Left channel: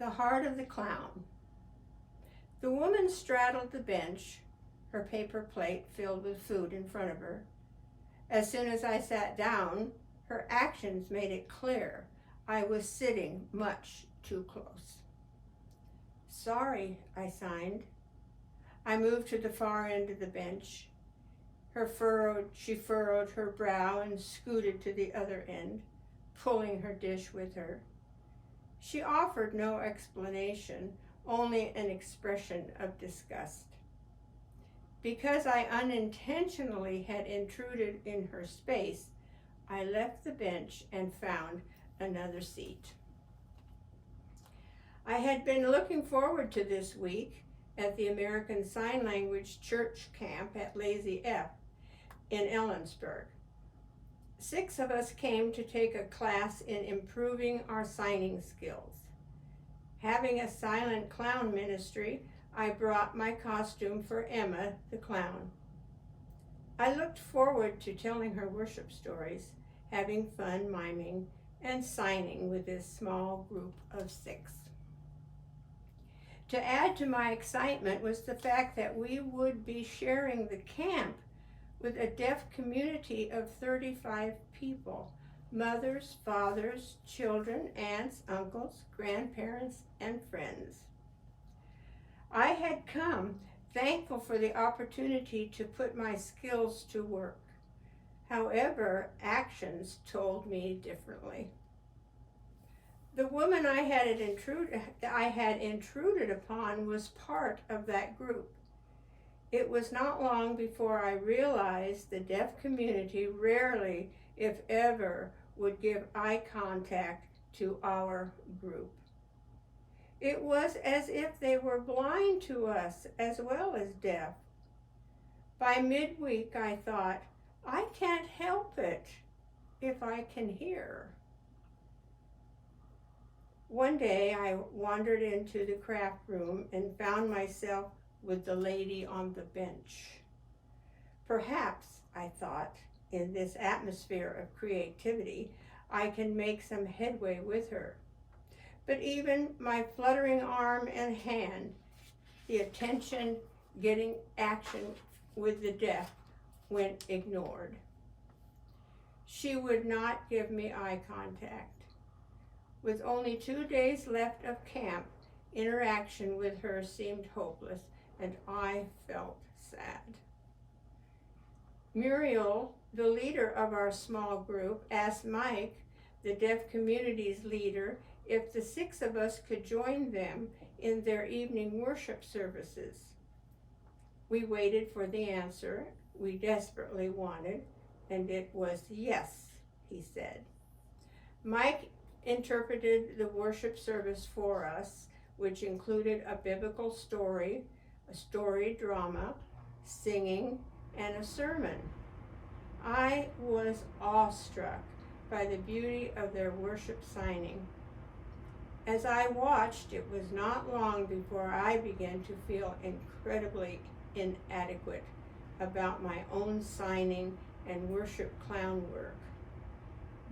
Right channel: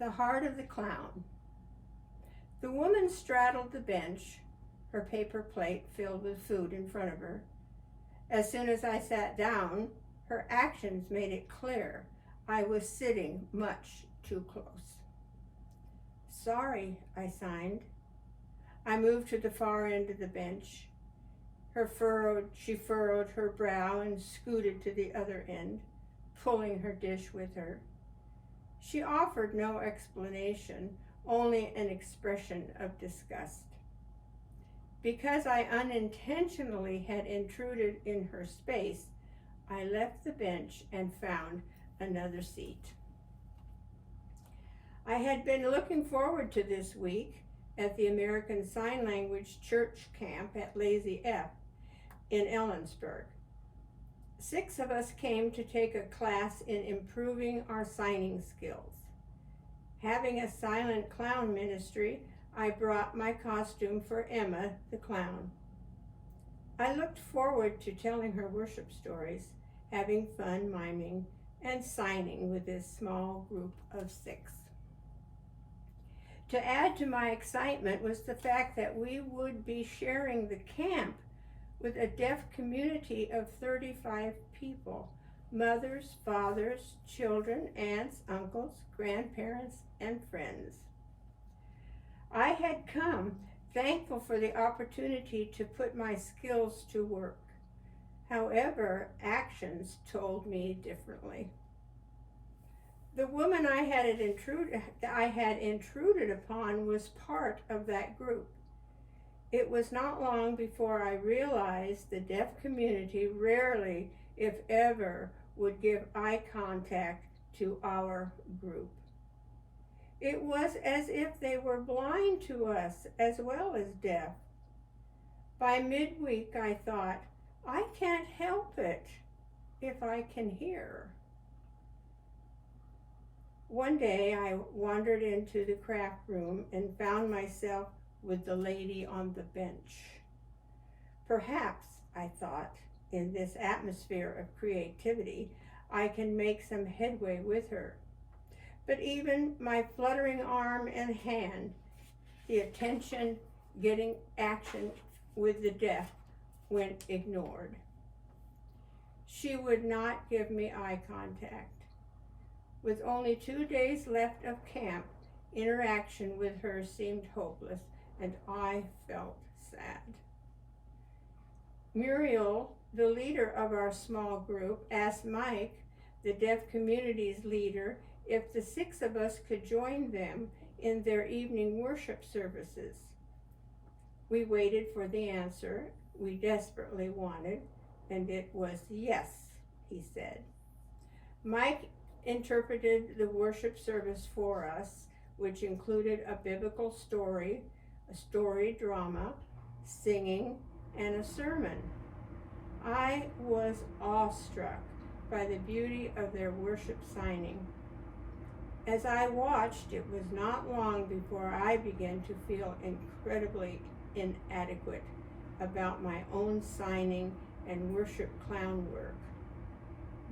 The heart of the clown. The woman straddled the bench, her paper plate filled with food in front of her. As soon as I sat down, her actions made it clear I was sitting much too close. "Sorry," I signed. I moved to the far end of the bench. She furrowed her brow and scooted to the other end, pulling her dish with her. She offered no explanation, only an expression of disgust. Because I unintentionally had intruded in her space, I left the bench and found another seat. I had been looking forward to this week at the American Sign Language Church Camp at Lazy F in Ellensburg. 6 of us came to take a class in improving our signing skills. Having a silent clown ministry, I brought my costume for Emma the clown. I looked forward to telling her worship stories, having fun miming, and signing with this small group of 6. To add to my excitement was the fact that we would be sharing the camp with a deaf community of 35 people, mothers, fathers, children, aunts, uncles, grandparents, and friends. I had come thankful for the opportunity to put my skills to work. However, actions told me differently. The woman I had intruded upon was part of that group. It was not long before I realized the deaf community rarely, if ever, would give eye contact to our group. It was as if they were blind to us as well as deaf. By midweek, I thought, I can't help it if I can hear. One day I wandered into the craft room and found myself with the lady on the bench. Perhaps, I thought, in this atmosphere of creativity, I can make some headway with her. But even my fluttering arm and hand, the attention getting action with the deaf, went ignored. She would not give me eye contact. With only 2 days left of camp, interaction with her seemed hopeless, and I felt sad. Muriel, the leader of our small group, asked Mike, the deaf community's leader, if the 6 of us could join them in their evening worship services. We waited for the answer we desperately wanted, and it was yes, he said. Mike interpreted the worship service for us, which included a biblical story, a story drama, singing, and a sermon. I was awestruck by the beauty of their worship signing. As I watched, it was not long before I began to feel incredibly inadequate about my own signing and worship clown work.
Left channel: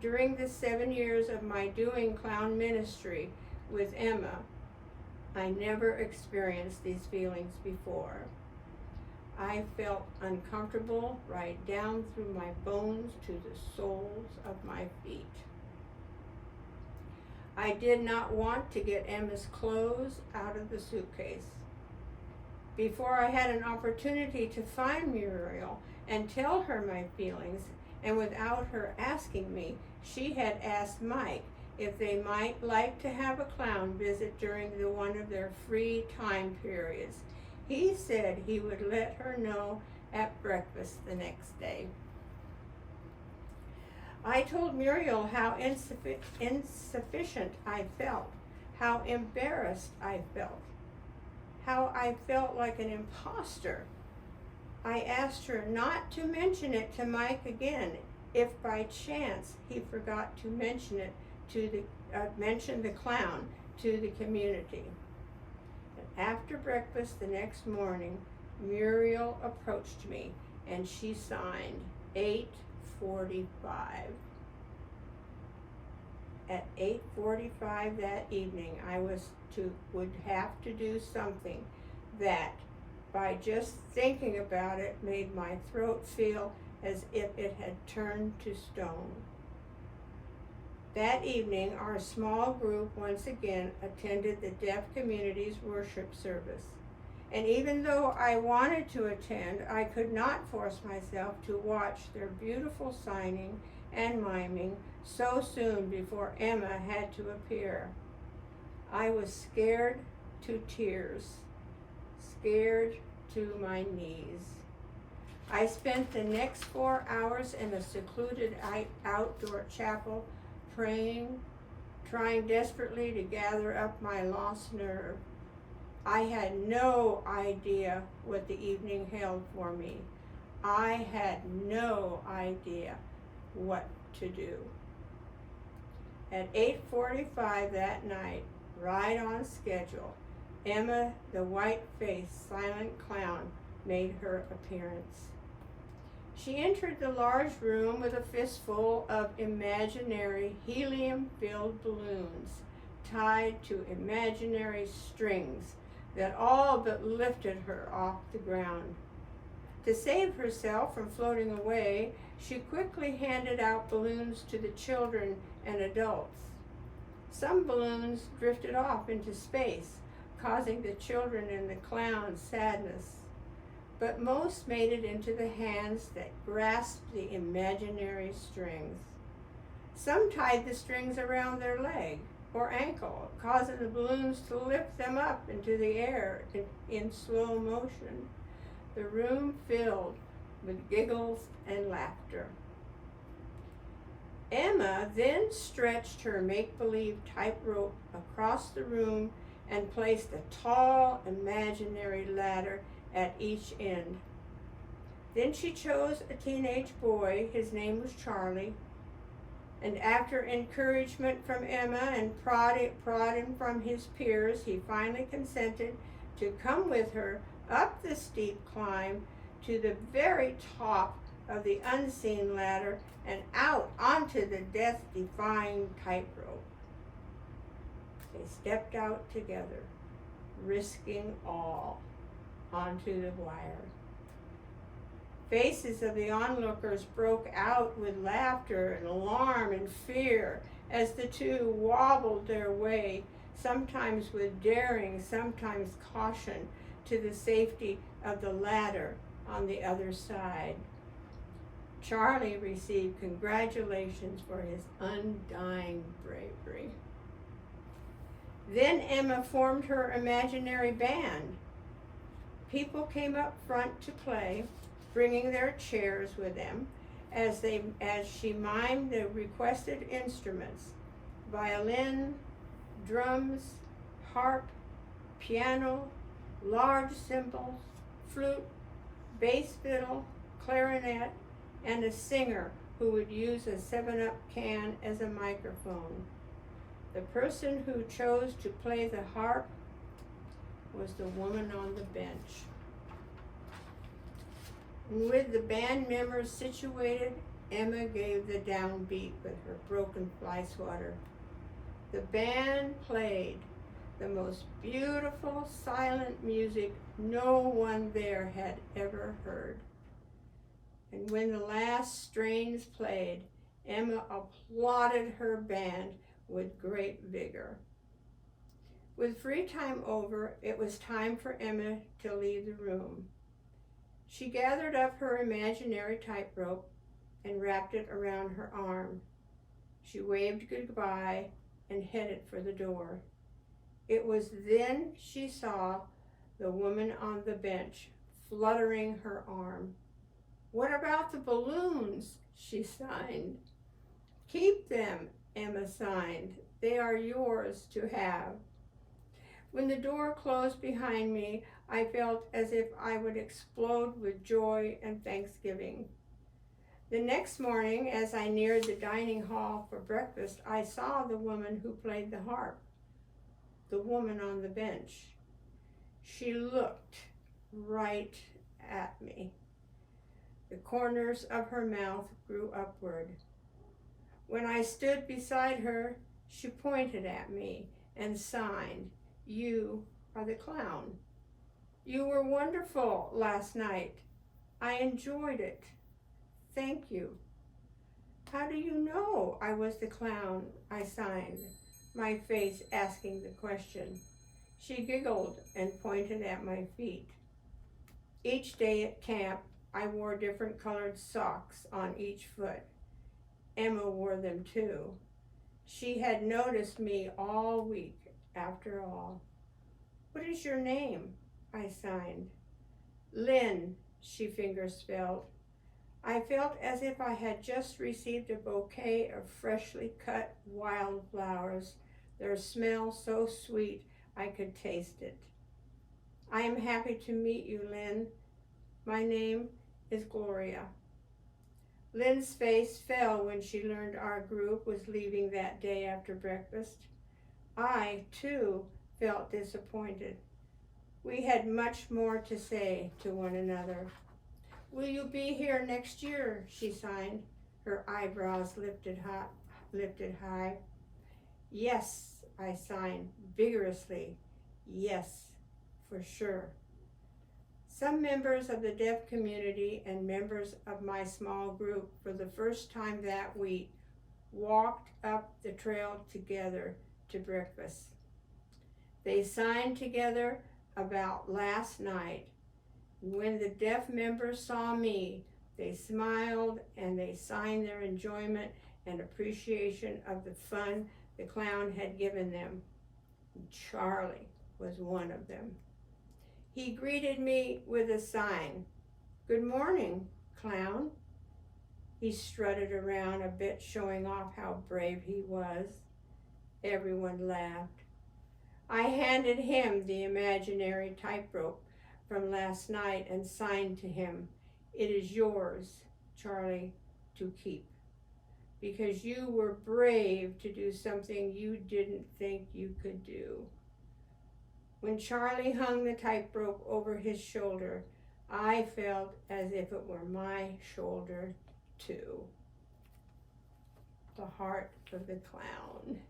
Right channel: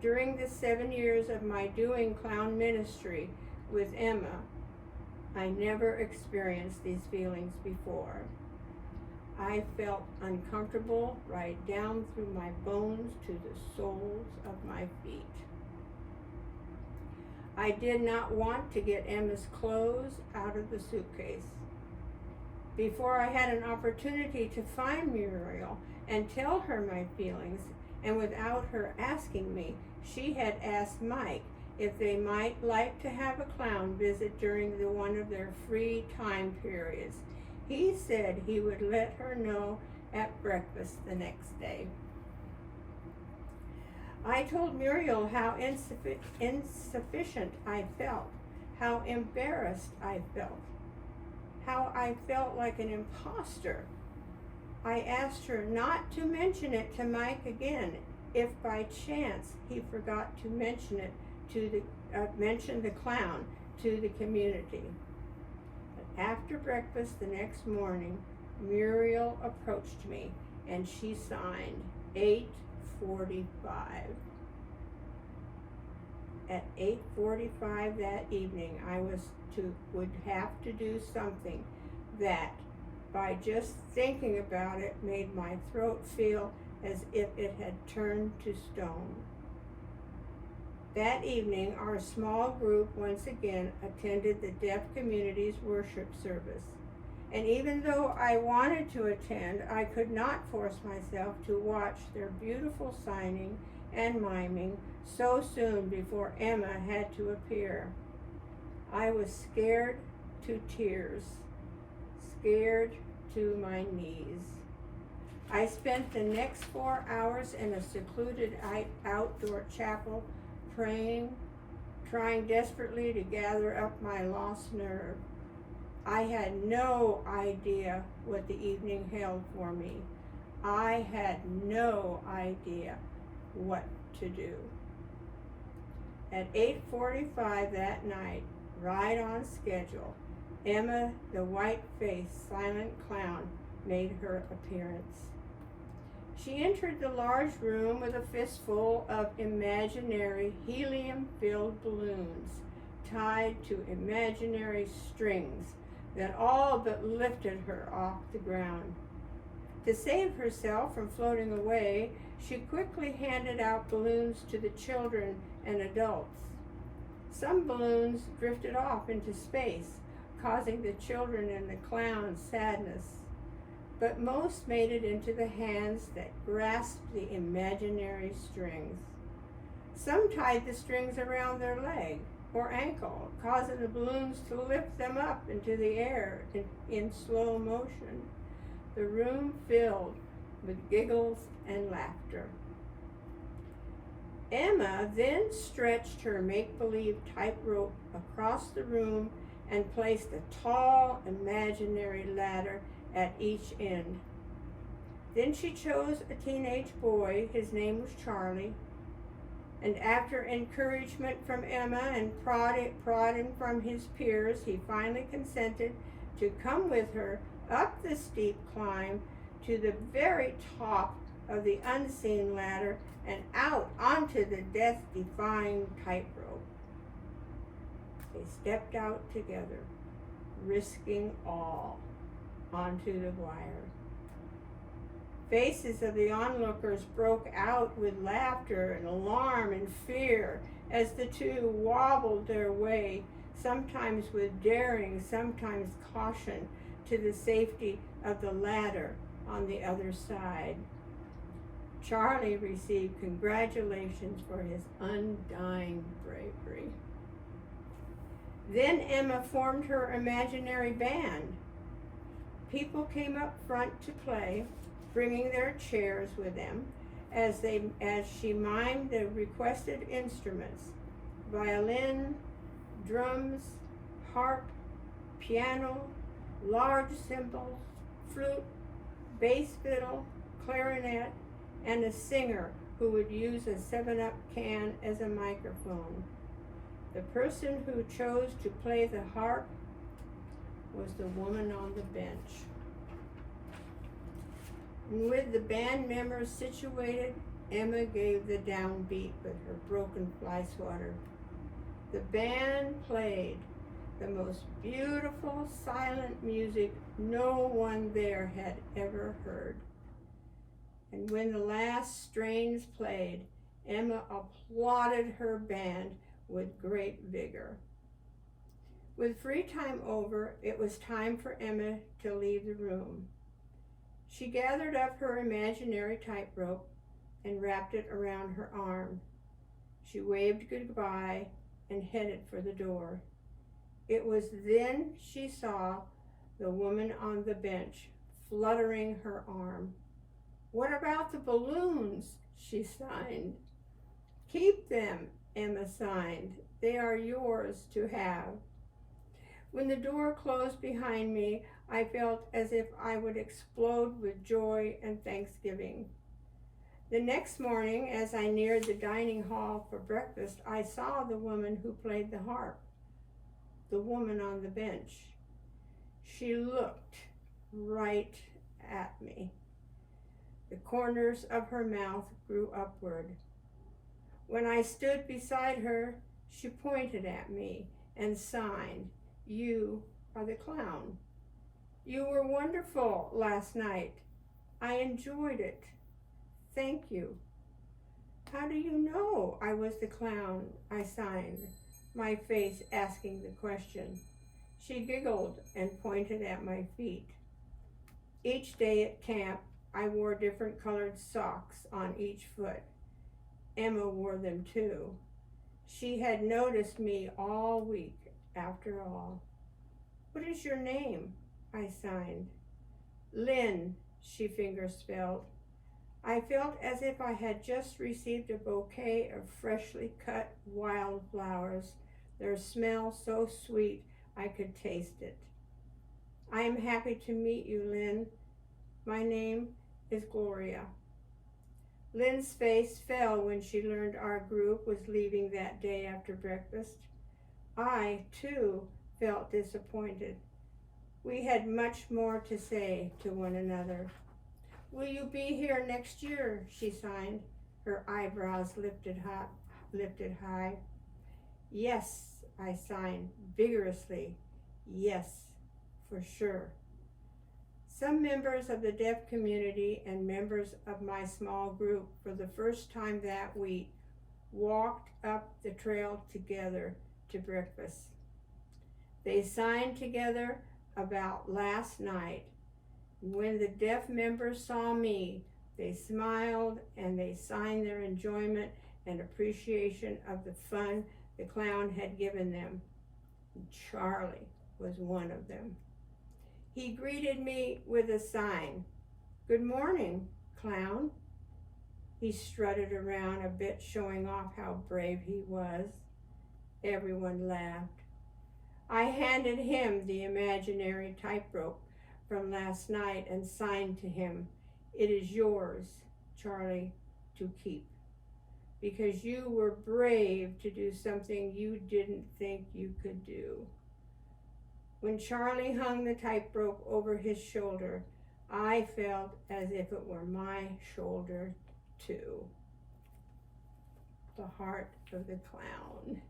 During the 7 years of my doing clown ministry with Emma, I never experienced these feelings before. I felt uncomfortable right down through my bones to the soles of my feet. I did not want to get Emma's clothes out of the suitcase. Before I had an opportunity to find Muriel and tell her my feelings, and without her asking me, she had asked Mike if they might like to have a clown visit during one of their free time periods. He said he would let her know at breakfast the next day. I told Muriel how insufficient I felt, how embarrassed I felt, how I felt like an imposter. I asked her not to mention it to Mike again if by chance he forgot to mention it mention the clown to the community. But after breakfast the next morning, Muriel approached me and she signed 8:45. At 8:45 that evening, I would have to do something that, by just thinking about it, made my throat feel as if it had turned to stone. That evening, our small group once again attended the deaf community's worship service. And even though I wanted to attend, I could not force myself to watch their beautiful signing and miming so soon before Emma had to appear. I was scared to tears, scared to my knees. I spent the next 4 hours in a secluded outdoor chapel praying, trying desperately to gather up my lost nerve. I had no idea what the evening held for me. I had no idea what to do. At 8:45 that night, right on schedule, Emma, the white-faced silent clown, made her appearance. She entered the large room with a fistful of imaginary helium-filled balloons tied to imaginary strings that all but lifted her off the ground. To save herself from floating away, she quickly handed out balloons to the children and adults. Some balloons drifted off into space, causing the children and the clown sadness, but most made it into the hands that grasped the imaginary strings. Some tied the strings around their leg or ankle, causing the balloons to lift them up into the air in slow motion. The room filled with giggles and laughter. Emma then stretched her make-believe tightrope across the room and placed a tall imaginary ladder at each end. Then she chose a teenage boy, his name was Charlie, and after encouragement from Emma and prodding from his peers, he finally consented to come with her up the steep climb to the very top of the unseen ladder and out onto the death-defying tightrope. They stepped out together, risking all, onto the wire. Faces of the onlookers broke out with laughter and alarm and fear as the two wobbled their way, sometimes with daring, sometimes caution, to the safety of the ladder on the other side. Charlie received congratulations for his undying bravery. Then Emma formed her imaginary band. People came up front to play, bringing their chairs with them as she mimed the requested instruments: violin, drums, harp, piano, large cymbals, flute, bass fiddle, clarinet, and a singer who would use a 7-Up can as a microphone. The person who chose to play the harp was the woman on the bench. And with the band members situated, Emma gave the downbeat with her broken fly swatter. The band played the most beautiful silent music no one there had ever heard. And when the last strains played, Emma applauded her band with great vigor. With free time over, it was time for Emma to leave the room. She gathered up her imaginary tightrope and wrapped it around her arm. She waved goodbye and headed for the door. It was then she saw the woman on the bench fluttering her arm. "What about the balloons?" she signed. "Keep them," Emma signed. "They are yours to have." When the door closed behind me, I felt as if I would explode with joy and thanksgiving. The next morning, as I neared the dining hall for breakfast, I saw the woman who played the harp, the woman on the bench. She looked right at me. The corners of her mouth grew upward. When I stood beside her, She pointed at me and signed, "You are the clown. You were wonderful last night. I enjoyed it. Thank you." "How do you know I was the clown?" I signed, my face asking the question. She giggled and pointed at my feet. Each day at camp, I wore different colored socks on each foot. Emma wore them too. She had noticed me all week, after all. "What is your name?" I signed. "Lynn," she fingerspelled. I felt as if I had just received a bouquet of freshly cut wildflowers, their smell so sweet I could taste it. "I am happy to meet you, Lynn. My name is Gloria." Lynn's face fell when she learned our group was leaving that day after breakfast. I, too, felt disappointed. We had much more to say to one another. "Will you be here next year?" she signed, her eyebrows lifted high. "Yes," I signed vigorously. "Yes, for sure." Some members of the deaf community and members of my small group, for the first time that week, walked up the trail together to breakfast. They signed together about last night. When the deaf members saw me, they smiled and they signed their enjoyment and appreciation of the fun the clown had given them. Charlie was one of them. He greeted me with a sign. "Good morning, clown." He strutted around a bit, showing off how brave he was. Everyone laughed. I handed him the imaginary tightrope from last night and signed to him, "It is yours, Charlie, to keep, because you were brave to do something you didn't think you could do." When Charlie hung the tightrope over his shoulder, I felt as if it were my shoulder too. The Heart of the Clown.